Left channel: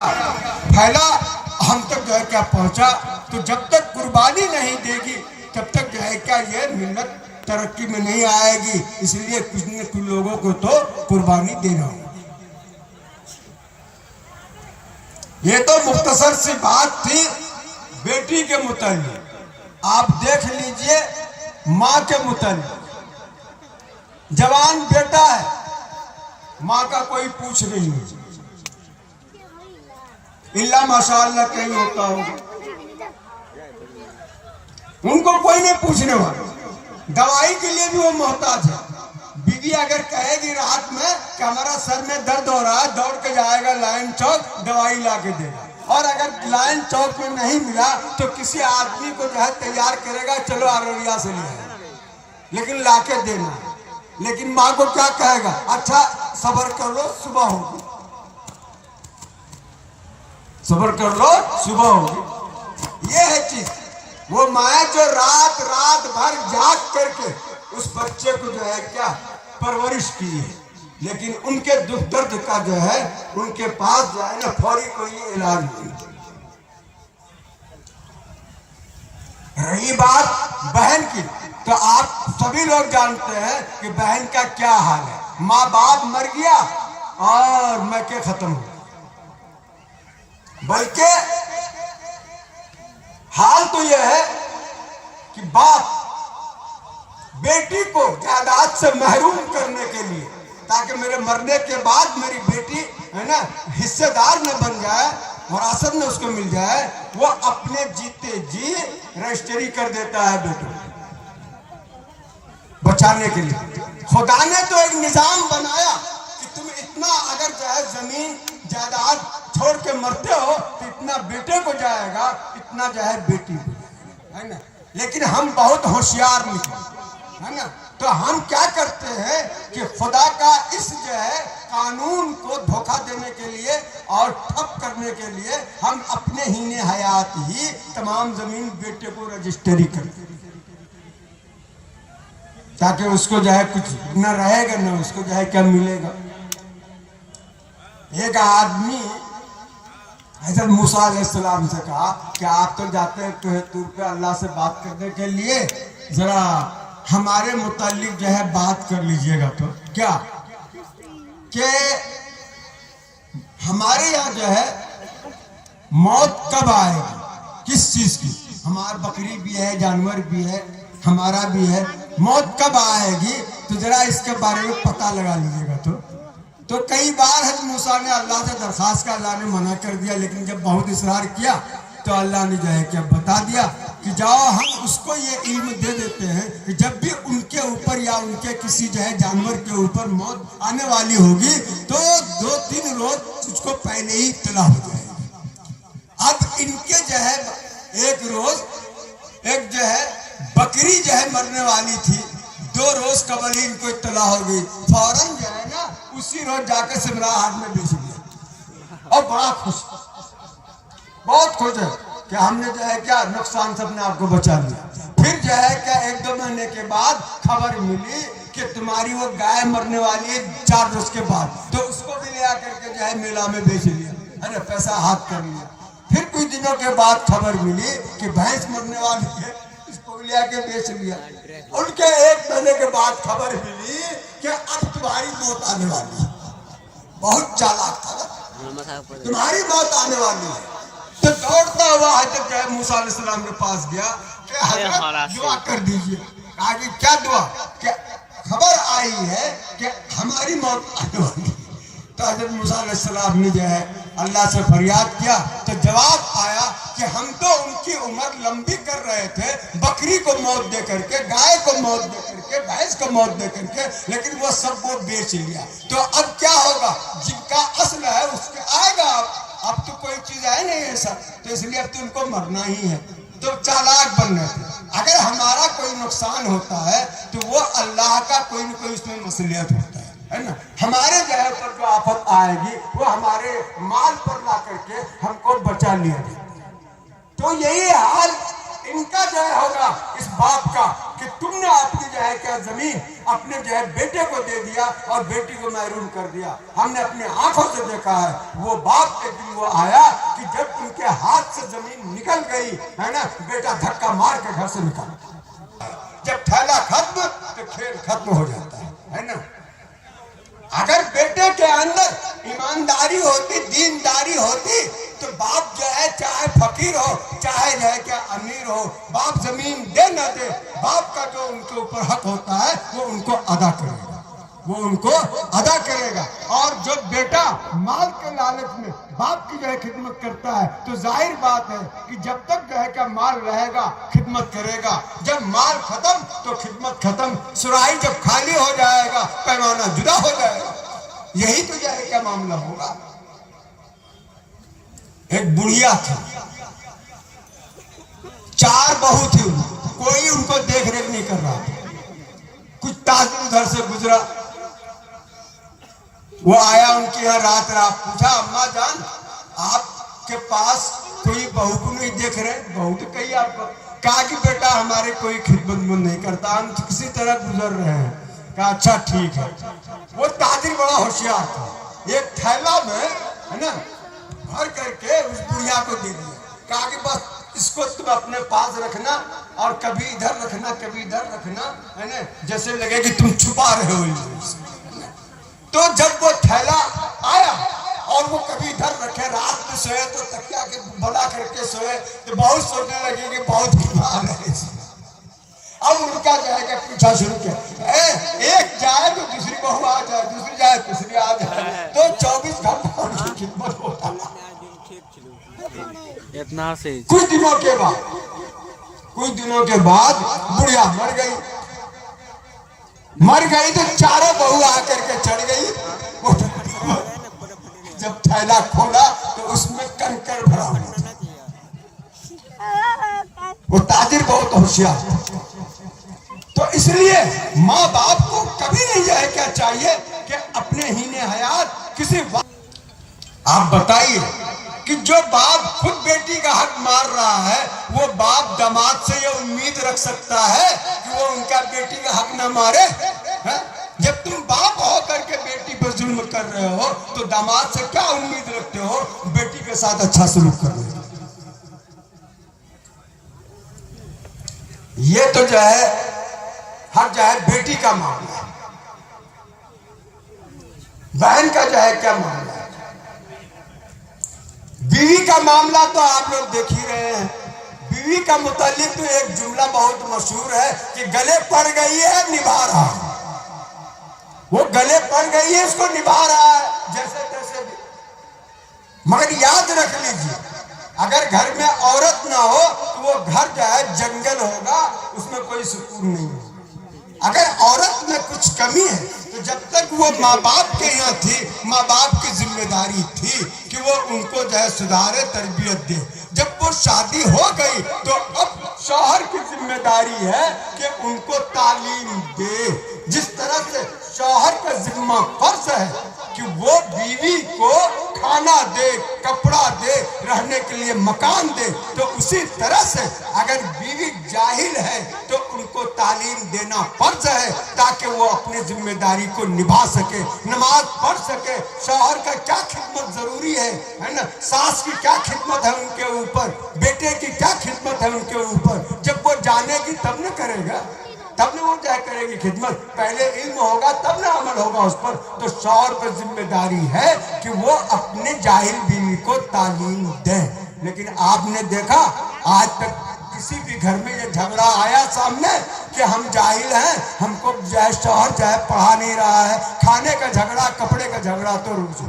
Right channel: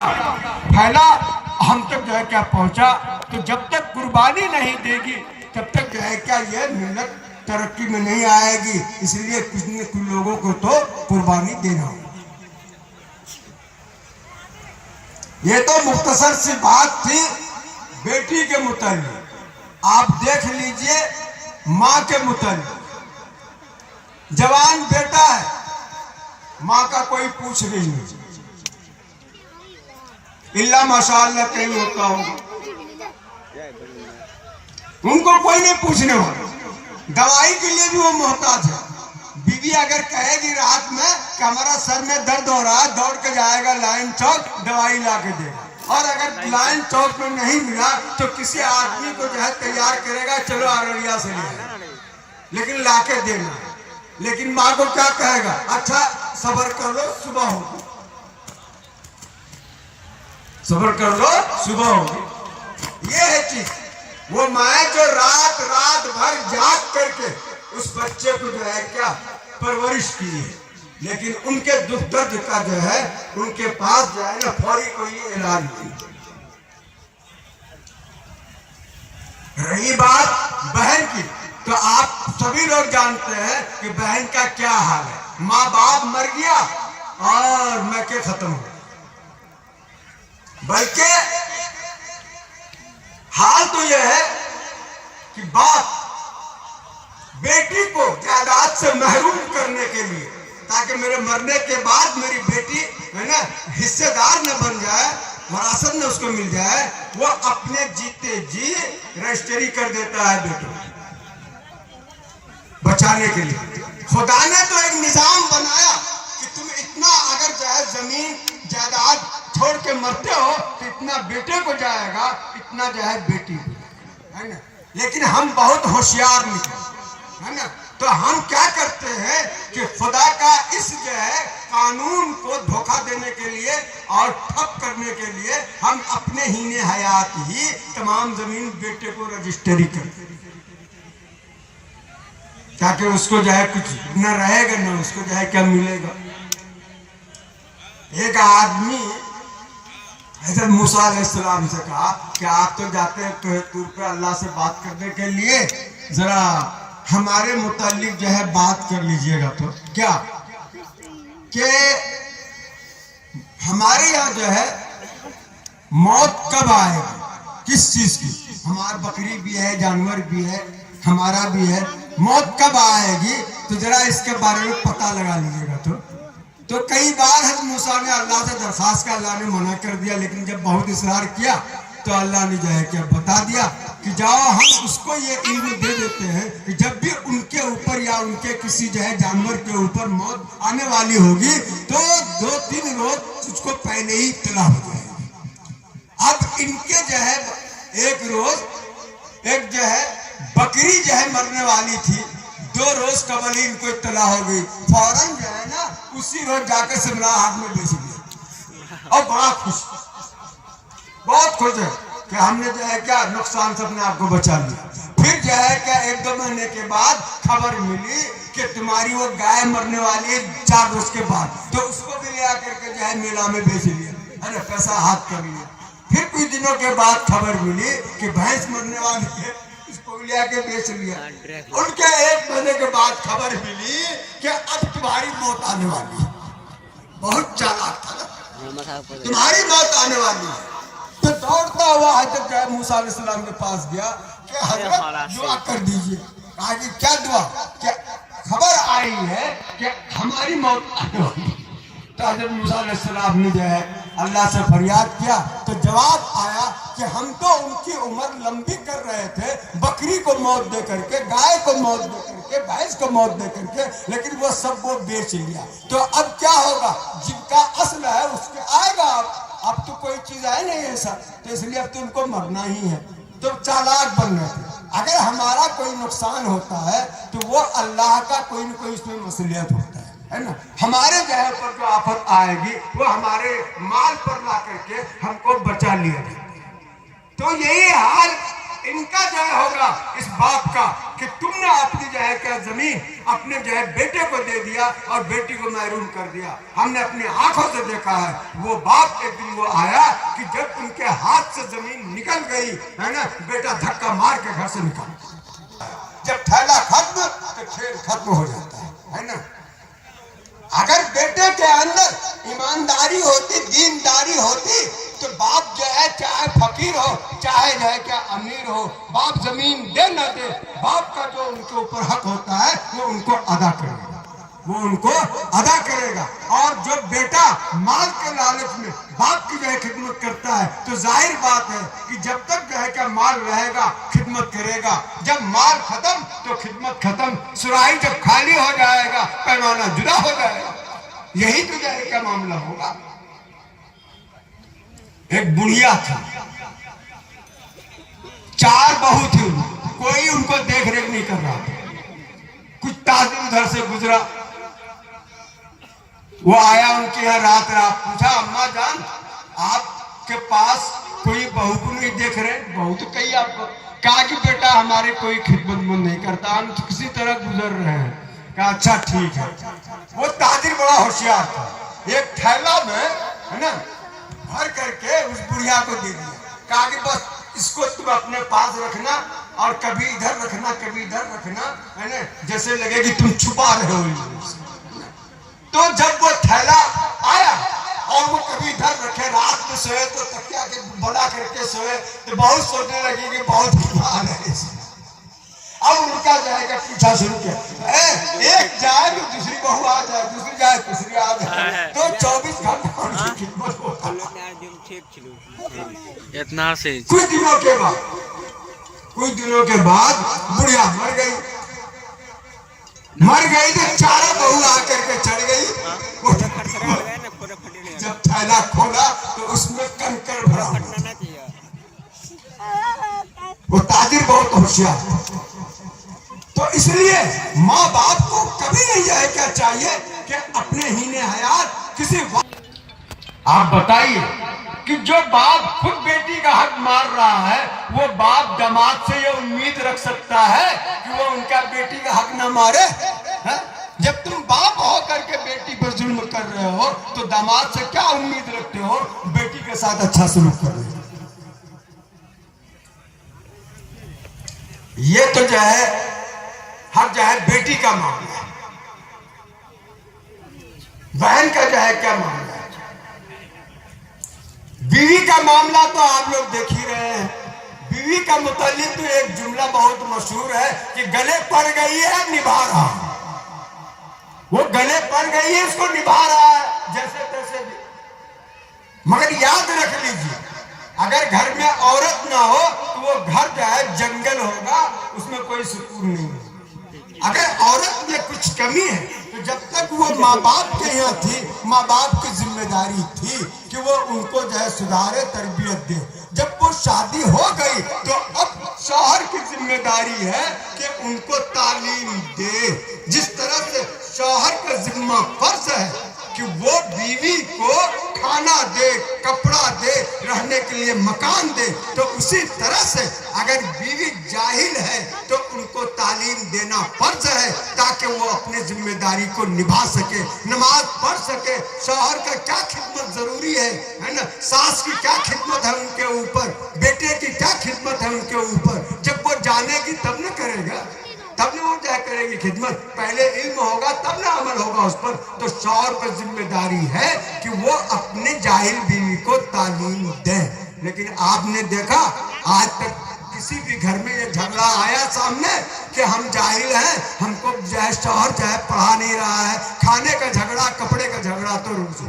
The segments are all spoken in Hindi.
फैला, हम तक जो है क्या पहुंचा। तो जब तक कुर्बानी नहीं देगी तब तक जो है क्या ये मिल्लत तरक्की में नहीं आएगी। इसलिए कुछ लोगों को तो कुर्बानी देना होगा। ये तो मुख्तसर सी बात थी बेटी के मुताल्लिक। आप देख लीजिए माँ के मुताल्लिक। जवान बेटा है, माँ का कोई पूछ नहीं, इल्ला माशाअल्लाह कहीं होता होगा, उनको कोई नहीं पूछने वाला। दवाई के लिए भी वो मोहताज है। बीवी अगर कहेगी रात में कि हमारा सर में दर्द हो रहा है, दौड़ के जाएगा लाइन चौक, दवाई ला के देगा। और अगर लाइन चौक में नहीं मिला तो किसी आदमी को जो है तैयार करेगा, चलो अररिया से ले आए, लेकिन ला के देना। लेकिन माँ को क्या कहेगा, अच्छा सब्र कर लो सुबह होगी, सब्र कर लो सुबह होगी। ये है चीज। वो माँ जो रात रात भर जाग करके उस बच्चे को जो है क्या परवरिश की है, लेकिन उनके दुख दर्द का जो है उनके पास जो है ना फौरी कोई इलाज नहीं। रही बात बहन की, तो आप सभी लोग जानते हैं कि बहन का क्या हाल है। माँ बाप मर गया और मैं के खत्म हो, बल्कि हाल तो यह है कि बाप बेटी को जायदाद से महरूम करने के लिए, ताकि मेरे मरने के बाद मेरी बेटी है ना हिस्सेदार न बन जाए, विरासत न उसको मिल जाए, वो अपने जीते जी रजिस्ट्री कर देता है बेटों बचाने के लिए। खुदा ने तो एक निजाम बनाया कि तुम इतना अगर जो है जमीन जायदाद छोड़ के मरते हो तो इतना बेटे को जाएगा, इतना जो है बेटी को, है ना। लेकिन हम बहुत होशियार निकले, है ना। तो हम क्या करते हैं कि खुदा का इस जो है कानून को धोखा देने के लिए और ठप करने के लिए हम अपने हीने हयात ही तमाम जमीन बेटे को रजिस्ट्री करते हैं, ताकि उसको जो है कुछ न रहेगा न उसको जो है क्या मिलेगा। एक आदमी हज़रत मूसा अलैहिस्सलाम से कहा कि आप तो जाते हैं तूर पे अल्लाह से बात करने के लिए, जरा हमारे मुतालिक जो है बात कर लीजिएगा। तो क्या कि हमारे यहाँ जो है मौत कब आएगी, किस चीज की, हमारा बकरी भी है, जानवर भी है, हमारा भी है, मौत कब आएगी तो जरा इसके बारे में पता लगा लीजिएगा। तो कई बार हज़रत मूसा ने अल्लाह से दरखास्त का, अल्लाह ने मना कर दिया, लेकिन जब बहुत इसरार किया तो अल्लाह ने जो है क्या बता दिया कि जाओ हम उसको ये इल्म दे देते हैं कि जब भी उनके ऊपर या उनके किसी जो है जानवर के ऊपर मौत आने वाली होगी तो 2-3 रोज उसको पहले ही इत्तला हो जाएगी। अब इनके जो है एक रोज एक जो है बकरी जो है मरने वाली थी, 2 रोज कबल ही इनको इत्तला हो गई। फौरन जो है ना उसी रोज जाकर सिमरा हाट में बेच दिया और बड़ा खुश, बहुत खुश है कि हमने जो है क्या नुकसान से अपने आप को बचा लिया। फिर जो है क्या 1-2 महीने के बाद खबर मिली कि तुम्हारी वो गाय मरने वाली है 4 रोज के बाद, तो उसको भी ले आकर के जो है मेला में बेच लिया, अरे पैसा हाथ कर लिया। फिर कुछ दिनों के बाद खबर मिली कि भैंस मरने वाली है, उसको भी ले आके बेच लिया। उनके 1 महीने के बाद खबर मिली कि अब तुम्हारी मौत आने वाली है। बहुत चालाक था, तुम्हारी मौत आने वाली है। तो दौड़ता हुआ हज़रत मूसा अलैहिस्सलाम के पास गया कि हज़रत दुआ कर दीजिए। आगे क्या दुआ, क्या खबर आई है कि हमारी मौत आने वाली है। तो हज़रत मूसा अलैहिस्सलाम ने जो है अल्लाह से फरियाद किया तो जवाब आया कि हम तो उनकी उम्र लंबी कर रहे थे, बकरी को मौत दे करके, गाय को मौत दे करके, भैंस को मौत दे करके, लेकिन वो सब वो बेच लिया। तो अब क्या होगा, जिनका असल है उसके आएगा। अब तो कोई चीज है नहीं ऐसा, तो इसलिए अब तो उनको मरना ही है। तो चालाक बन रहे थे। अगर हमारा कोई नुकसान होता है तो वो अल्लाह का कोई न कोई उसमें मसलियत होता है ना। हमारे जहर पर जो आफत आएगी वो हमारे माल पर ला करके हमको बचा लिया जाए। तो यही हाल इनका जो होगा इस बात का कि तुमने अपनी जो है क्या जमीन अपने जो है बेटे को दे दिया और बेटी को महरूम कर दिया। हमने अपनी आंखों से देखा है, वो बाप एक दिन वो आया कि जब उनके हाथ से जमीन निकल गई है ना, बेटा धक्का मार के घर से निकल, जब थैला खत्म तो खेल खत्म हो जाता है ना। अगर बेटे के अंदर ईमानदारी होती, दीनदारी होती, तो बाप जो है चाहे फकीर हो चाहे जो है क्या अमीर हो, बाप जमीन दे न दे, बाप का जो उनके ऊपर हक होता है वो उनको अदा करेगा, वो उनको अदा करेगा। और जो बेटा माल के लालच में बाप की जो है खिदमत करता है, तो जाहिर बात है कि जब तक जो है क्या माल रहेगा खिदमत करेगा, जब माल खत्म तो खिदमत खत्म, सुराही जब खाली हो जाएगा पैमाना जुदा हो जाएगा। यही तो जो है क्या मामला होगा। एक बुढ़िया था, 4 बहू थी, कोई उनको देख रेख नहीं कर रहा था। कुछ ताजिर उधर से गुजरा, वो आया उनके यहाँ रात पूछा, अम्मा जान आपके पास कोई बहू को नहीं देख रहे? बहू तो कही आपको। कहा कि बेटा हमारे कोई खिदमत नहीं करता, हम किसी तरह गुजर रहे हैं। कहा अच्छा ठीक है। वो ताजिर बड़ा होशियार था, एक थैला में है ना भर करके उस बुढ़िया को दे दिया। कहा कि बस इसको तुम अपने पास रखना और कभी इधर रखना कभी इधर रखना, है ना, जैसे लगे कि तुम छुपा रहे हो। तो जब वो थैला आया और वो कभी इधर रखे, रात में सोए तो तकिया के बड़ा करके सोए, तो बहुत सोचने लगे कि बहुत बीमार है। अब उनका जाएगा पूछा शुरू किया, एक जाए तो दूसरी बहू आ जाए, दूसरी जाए तीसरी आ जाए, तो 24 घंटा उनकी खिदमत होता। इतना से कुछ दिनों के बाद बुढ़िया मर गई तो चारों बहू आकर के चढ़ गई। जब थैला खोला तो उसमें कंकड़ भरा हुआ था। वो ताजिर बहुत होशियार। तो इसलिए माँ बाप को कभी नहीं जाए क्या चाहिए कि अपने हीने हयात किसी। आप बताइए कि जो बाप खुद बेटी का हक मार रहा है, वो बाप दामाद से ये उम्मीद रख सकता है कि वो उनका बेटी का हक ना मारे? है? जब तुम बाप हो करके बेटी पर जुल्म कर रहे हो तो दामाद से क्या उम्मीद रखते हो? बेटी के साथ अच्छा सलूक कर रहे हो। ये तो जो है हक जो है बेटी का मामला है। बहन का जो है क्या मामला है? बीवी का मामला तो आप लोग देख ही रहे हैं। बीवी का मुतालिक तो एक जुमला बहुत मशहूर है कि गले पड़ गई है निभा रहा है। वो गले पड़ गई है, इसको निभा रहा है जैसे तैसे भी। मगर याद रख लीजिए, अगर घर में औरत ना हो तो वो घर जो है जंगल होगा, उसमें कोई सुकून नहीं है। अगर औरत में कुछ कमी है तो जब तक वो माँ बाप के यहाँ थी, माँ बाप की जिम्मेदारी थी कि वो उनको जो है सुधारे, तरबियत दे। जब वो शादी हो गई तो अब शौहर की जिम्मेदारी है कि उनको तालीम दे। जिस तरह से शौहर का जिम्मा फर्ज है कि वो बीवी को खाना दे, कपड़ा दे, रहने के लिए मकान दे, तो उसी तरह से अगर बीवी जाहिल है तो उनको तालीम देना फर्ज है ताकि वो अपनी जिम्मेदारी को निभा सके, नमाज पढ़ सके। शौहर का क्या खिदमत जरूरी है ना, सास की क्या खिदमत है उनके ऊपर, बेटे की क्या खिदमत है उनके ऊपर। जब वो जानेगी तब न करेगा, तब न वो क्या करेगी खिदमत। पहले इल्म होगा तब न अमल होगा उस पर। तो शौहर की जिम्मेदारी है कि वो अपने जाहिल बीवी को तालीम दे। लेकिन आपने देखा आज तक किसी भी घर में ये झगड़ा आया सामने कि हम जाहिल हैं, हमको जो है शौहर जो है पढ़ा नहीं रहा है। खाने का झगड़ा, कपड़े का झगड़ा तो रोज हो।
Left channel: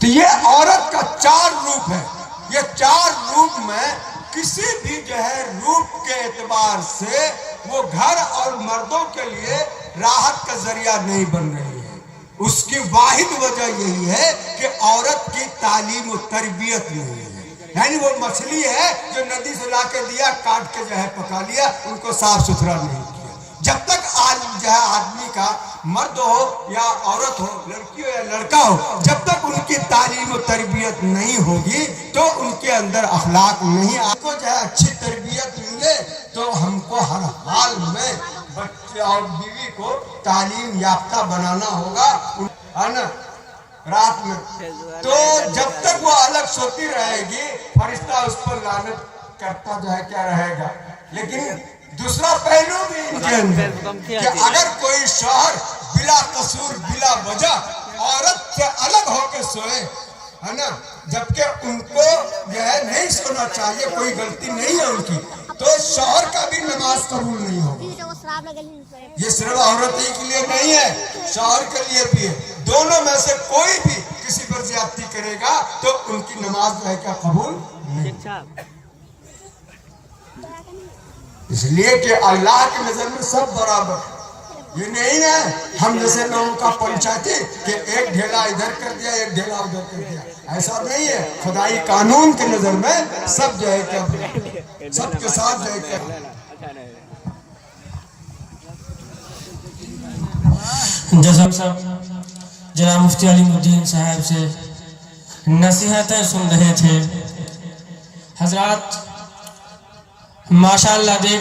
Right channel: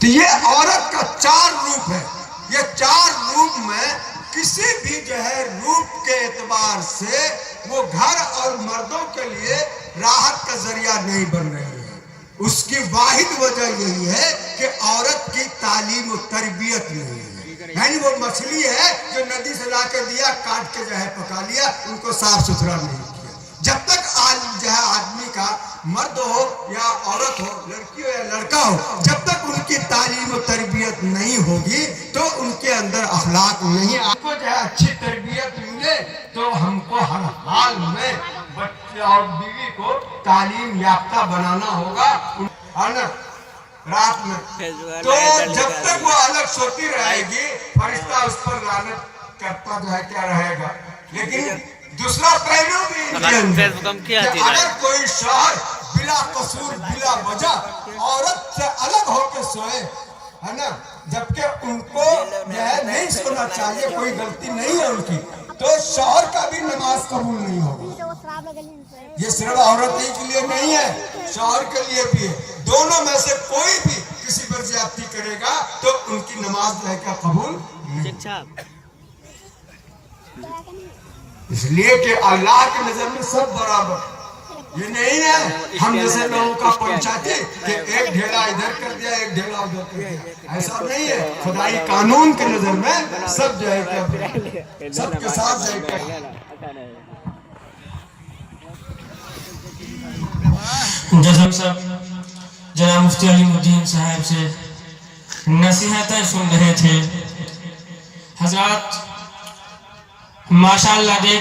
तो ये औरत का 4 रूप है। ये 4 रूप में किसी भी जो है रूप के एतबार से वो घर और मर्दों के लिए राहत का जरिया नहीं बन रही है। उसकी वाहिद वजह यही है कि औरत की तालीम और तरबियत नहीं है। यानी वो मछली है जो नदी से लाके दिया, काट के जो है पका लिया, उनको साफ सुथरा नहीं किया। जब तक जो है आदमी का मर्द हो या औरत हो, लड़की हो या लड़का हो, जब तक उनकी तालीम और तरबियत नहीं होगी तो उनके अंदर अखलाक नहीं। आपको जो है अच्छी तरबियत मिले तो हमको हर हाल में बच्चे और बीवी को तालीम याफ्ता बनाना होगा, है ना। रात में तो जब तक वो अलग सोती रहेगी, फरिश्ता उस पर लानत करता जो है क्या रहेगा। लेकिन दूसरा पहलू भी इनके अंदर कि अगर कोई शौहर बिला कसूर बिला वजह औरत से अलग होकर सोए, है ना, जबकि उनको यह नहीं सोना चाहिए, कोई गलती नहीं है उनकी, तो शौहर का भी नमाज कबूल नहीं होगा। ये सिर्फ औरत ही के लिए नहीं है, शौहर के लिए भी है। दोनों में से कोई भी किसी पर ज्यादती करेगा तो उनकी नमाज जो है क्या कबूल नहीं। इसलिए कि अल्लाह की नजर में सब बराबर। ये नहीं है हम जैसे लोगों का पंचायती कि एक ढेला इधर कर दिया एक ढेला उधर कर दिया, ऐसा नहीं है। खुदाई कानून के नजर में सब जो है क्या सबके साथ जो है क्या। जैसा सब जनाब मुफ्ती अलीमुद्दीन साहब से नसीहतें सुन रहे थे हजरात, माशाअल्लाह देख